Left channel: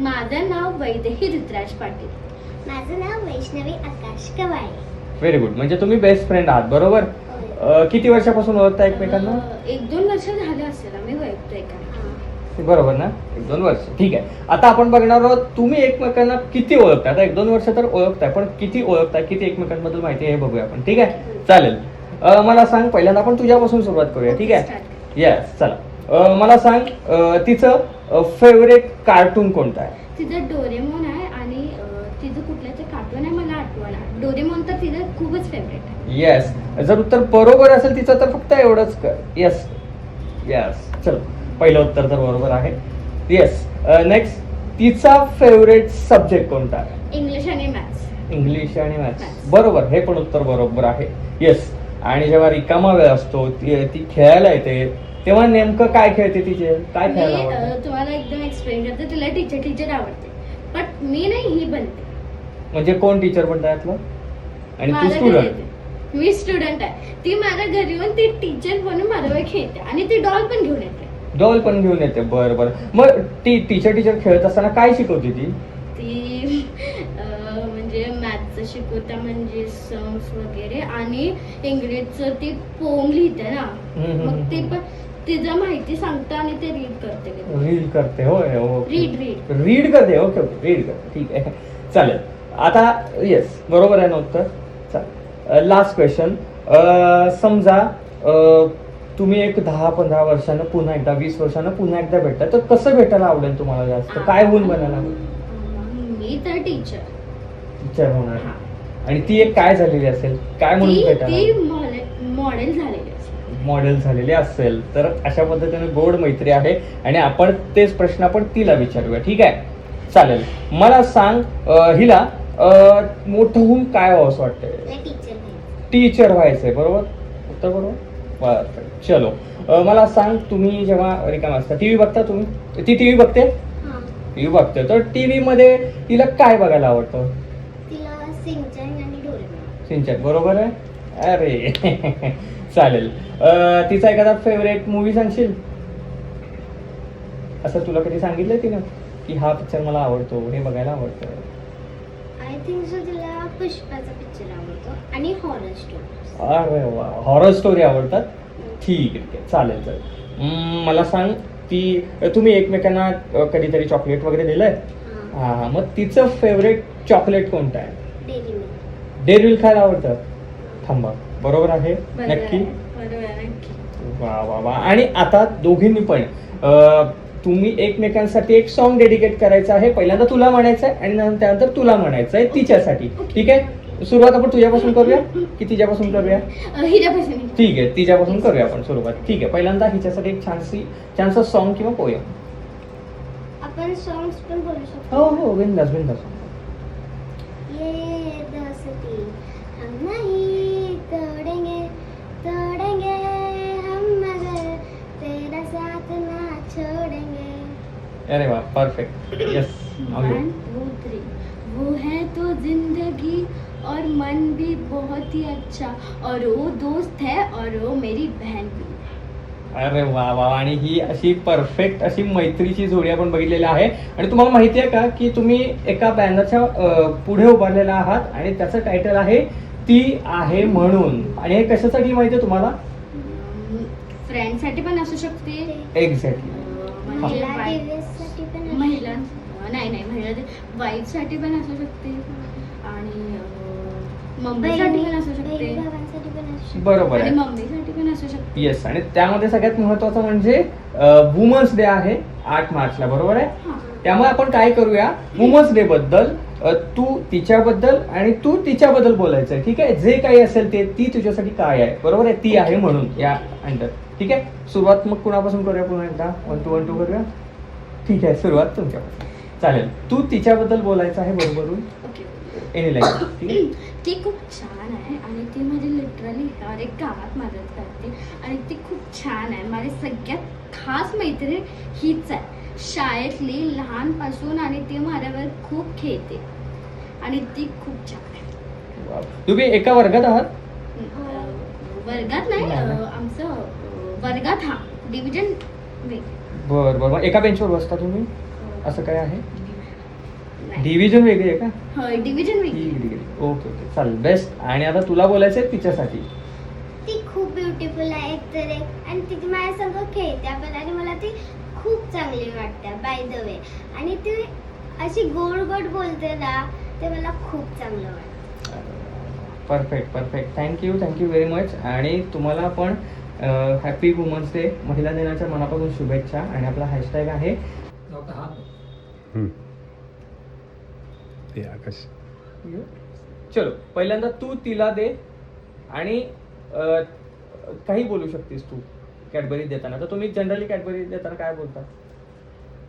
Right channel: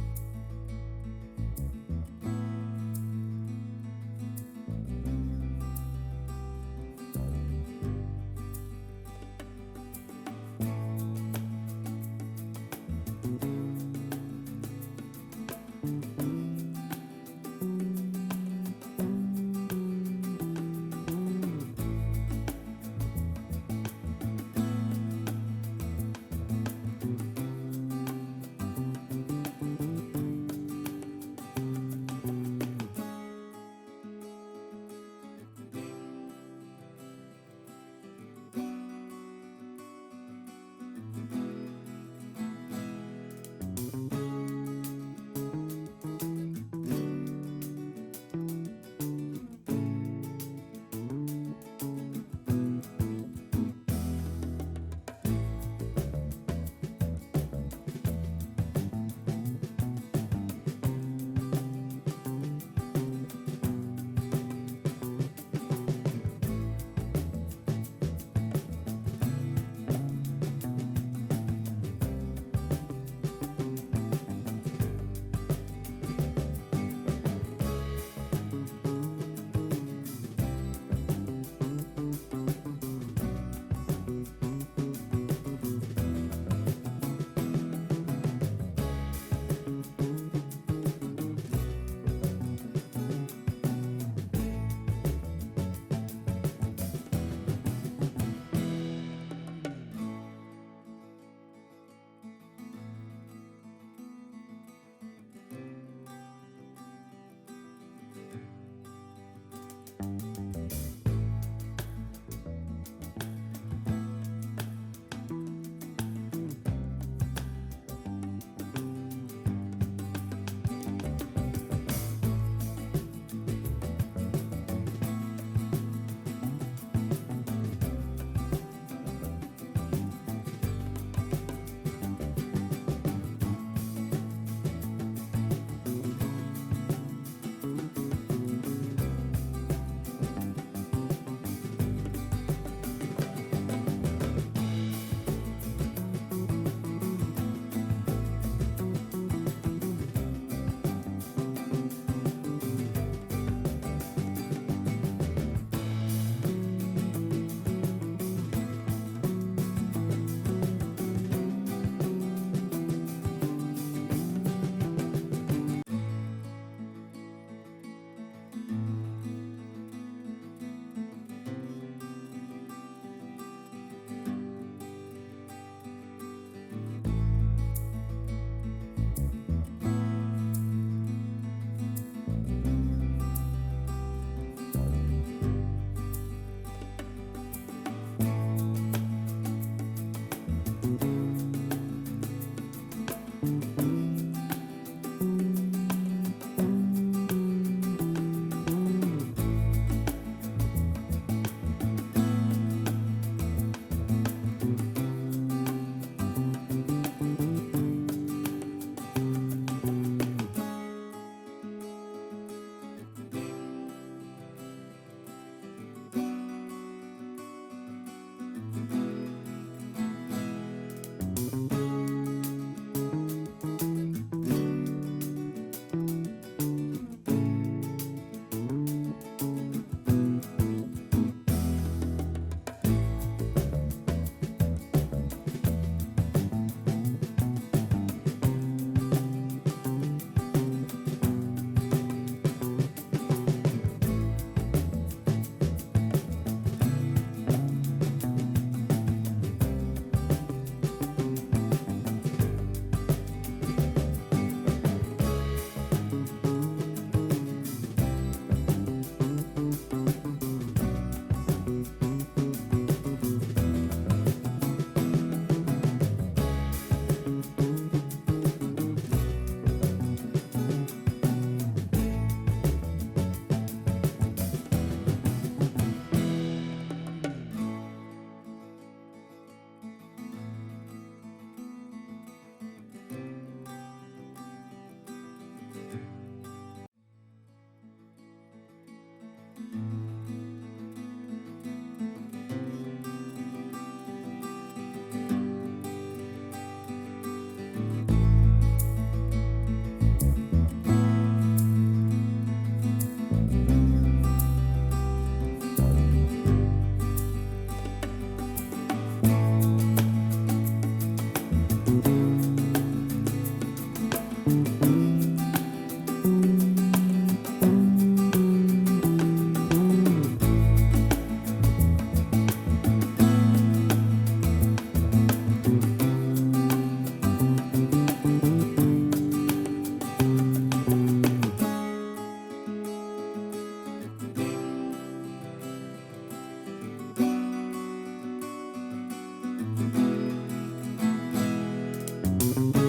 माझं नाव वैदेही ऋतुराज पाटील. माझं नाव वैष्णवी आकाश कवाळे. Very good. म्हणजे तुम्ही बेस्ट फ्रेंड आहात, बरोबर? किती वर्षापासून ओळखता एकमेकांना? 1-2 वर्ष झाले असेल आम्ही ओळखतोय का. बरोबर ना? 1-2 वर्ष. ठीक आहे. आता आपण बघणार आहोत तुम्ही एकमेकांना किती ओळखताय. आता 1-2 वर्ष तर ओळखताय, पण किती ओळखताय, किती एकमेकांबद्दल माहिती आहे हे बघूया आपण. ठीक आहे, चालेल. मला सांग, पहिल्यांदा आपण तुझ्यापासून सुरुवात करूया. ठीक आहे? येस, चला. मला सांग, तिचं फेवरेट कार्टून कोणतं आहे? तिचं डोरेमॉन आहे आणि तिचं कुठलं ते कार्टून आहे मला आठवण. डोरेमॉन तर तिचं खूपच फेवरेट आहे. येस. जर उत्तर बरोबर असेल तिचं तर फक्त एवढंच कर. Yes yes. चल, पहिलं उत्तर तर बरोबर आहे. येस. नेक्स्ट, तिचा फेवरेट सब्जेक्ट कोणता आहे? इंग्लिश आणि मॅथ्स. इंग्लिश आणि मॅथ्स. बरोबर, हे पण उत्तर बरोबर आहे. येस. आणि जेव्हा रिकामा वेळ असतो, ती खेळायला येते, तेव्हा नेमकं काय खेळते? तिचे काय खेळायला आवडतं? तुम्हाला एकदम एक्सप्लेन करते. तिला टीचर आवडते, पण मी नाही, ही बनते. म्हणजे कोण टीचर बनतं यातलं? आणि तू माझ्या घरी स्टुडंट? येते. मी स्टुडंट आहे. ती माझ्या घरी येऊन ती टीचर बनून माझ्यावर खेळते आणि ती डॉल पण घेऊन येते. डॉल पण घेऊन येते. बरं बरं. मग ती टीचर खेळत असताना काय शिकवते ती? ती म्हणजे मॅथचं शिकवता, म्हणजे सम्स वगैरे, आणि इंग्लिशचं ती पोम लिहिते ना, मग ते पण तिचं माहिती सांगतं आणि ते रीड करते. रीड करते. होय. रीड करते. ओके, रीड करते. ठीक आहे, चालेल. आता येस, बरोबर आहे ना उत्तर. चालेल. Last question. समजा तुम्ही एक 10-15 वर्षानं पुन्हा एकदा, 20 वर्षानं पुन्हा एकदा भेटता, तर कसं भेटायला आवडेल तुम्हाला जास्त? काय होऊन बनायला आवडेल? मी तर टीचर होणार. आणि ती एक काय झालेली असेल? काय म्हणून भेटायला? मॉडेल झालेली असेल. मॉडेल झालेली असेल तर अशा पद्धतीने गोड मैत्री आहे. आणि आपण तेच प्रश्न आपण तिला विचारूया. ठीक आहे, चालेल. मला सांग, हिला मोठं होऊन काय व्हावं असं वाटतंय? टीचर व्हायचंय. बरोबर उत्तर बरोबर. परफेक्ट. चलो, मला सांग, तुम्ही जेव्हा रिकाम असता, टीव्ही बघता तुम्ही? ती टीव्ही बघते? टीव्ही बघते. तर टीव्ही मध्ये तिला काय बघायला आवडतं? सिंचन. बरोबर आहे. अरे चालेल. तिचा एखादा फेवरेट मूवी सांगशील? असं तुला कधी सांगितलंय तिनं की हा पिक्चर मला आवडतो, हे बघायला आवडतं? आणि हॉरर स्टोरी. अरे वा, हॉरर स्टोरी आवडतात. ठीक आहे, चालेल चालेल. मला सांग, तुम्ही एकमेकांना कधीतरी चॉकलेट वगैरे दिलंय? हा, मग तिचं फेवरेट चॉकलेट कोणतं आहे? डेअरी मिल्क खायला आवडतं? थांबा, बरोबर आहे? नक्की? वा वा वा. आणि आता दोघींनी पण तुम्ही एकमेकांसाठी एक सॉन्ग डेडिकेट करायचं आहे. पहिल्यांदा तुला म्हणायचं आहे आणि त्यानंतर तुला म्हणायचं आहे तिच्यासाठी. ठीक आहे, सुरुवात आपण तुझ्यापासून करूया की तिच्यापासून करूया? हिच्यापासून. ठीक आहे, तिच्यापासून करूया आपण सुरुवात. ठीक आहे, पहिल्यांदा हिच्यासाठी एक छानसं सॉन्ग किंवा पोयम. आपण सॉंग्स पण बोलू शकतो. हो हो, बिंदास बिंदास. अरे वाह, परफेक्ट. यस. वो है तो जिंदगी और मन भी बहुत ही अच्छा, और वो दोस्त है और वो मेरी बहन भी. अरे वा वा. आणि ही अशी परफेक्ट अशी मैत्रीची जोडी आपण बघितलेली आहे. आणि तुम्हाला माहिती आहे का की तुम्ही एका बॅनरच्या पुढे उभारलेला आहात आणि त्याचं टायटल आहे ती आहे म्हणून. आणि हे कशासाठी माहिती आहे तुम्हाला? फ्रेंडसाठी पण असू शकते. एक्झॅक्टली. महिला वाईफसाठी पण असू शकते आणि मम्मीसाठी पण असू शकते. बरोबर आहे. मम्मीसाठी पण असू शकते. येस. आणि त्यामध्ये सगळ्यात महत्वाचं म्हणजे वुमन्स डे आहे 8 मार्चला. बरोबर आहे. त्यामुळे आपण काय करूया, वुमन्स डे बद्दल तू तिच्याबद्दल आणि तू तिच्याबद्दल बोलायचं आहे. ठीक आहे, जे काही असेल ते ती तुझ्यासाठी काय आहे. बरोबर आहे, ती आहे म्हणून या अंडर. ठीक आहे, सुरुवात मग कुणापासून करूया? पुन्हा एकदा 1 2 करूया. ठीक आहे, सुरुवात तुमच्यापासून. चालेल, तू तिच्याबद्दल बोलायचं आहे. बरोबर एनी लाईक. ती खूप छान आहे आणि ती म्हणजे लिटरली हर एक कामात मदत करते आणि ती खूप छान आहे. माझी सगळ्यात खास मैत्रीण हीच आहे, शाळेतली लहानपासून, आणि ती माझ्यावर खूप खेळते आणि ती खूप छान आहे. तुम्ही एका वर्गात आहात? वर्गात नाही, आमचं वर्गात. हा, डिव्हिजन. बरं बरं. एका बेंचवर बसता तुम्ही? असं काय आहे? डिव्हिजन वेगळी आहे का? होय डिव्हिजन वेगळी. ठीक आहे. ओके चालेल बेस्ट. आणि आता तुला बोलायचं आहे तिच्यासाठी. ती खूप ब्युटिफुल आहे एकतर एक आणि ती माझ्यासोबत खेळते पण आणि मला ती खूप चांगली वाटते बाय द वे. आणि ती अशी गोड गोड बोलते ना ते मला खूप चांगलं वाटतं. Perfect perfect. Thank you very much. आणि तुम्हाला पण हॅपी वुमन्स डे महिला दिनाच्या मनापासून शुभेच्छा. आणि आपला हॅशटॅग आहे चलो. पहिल्यांदा तू तिला दे आणि काही बोलू शकतेस तू कॅडबरीज देताना. तर तुम्ही जनरली कॅडबरीज देताना काय बोलता?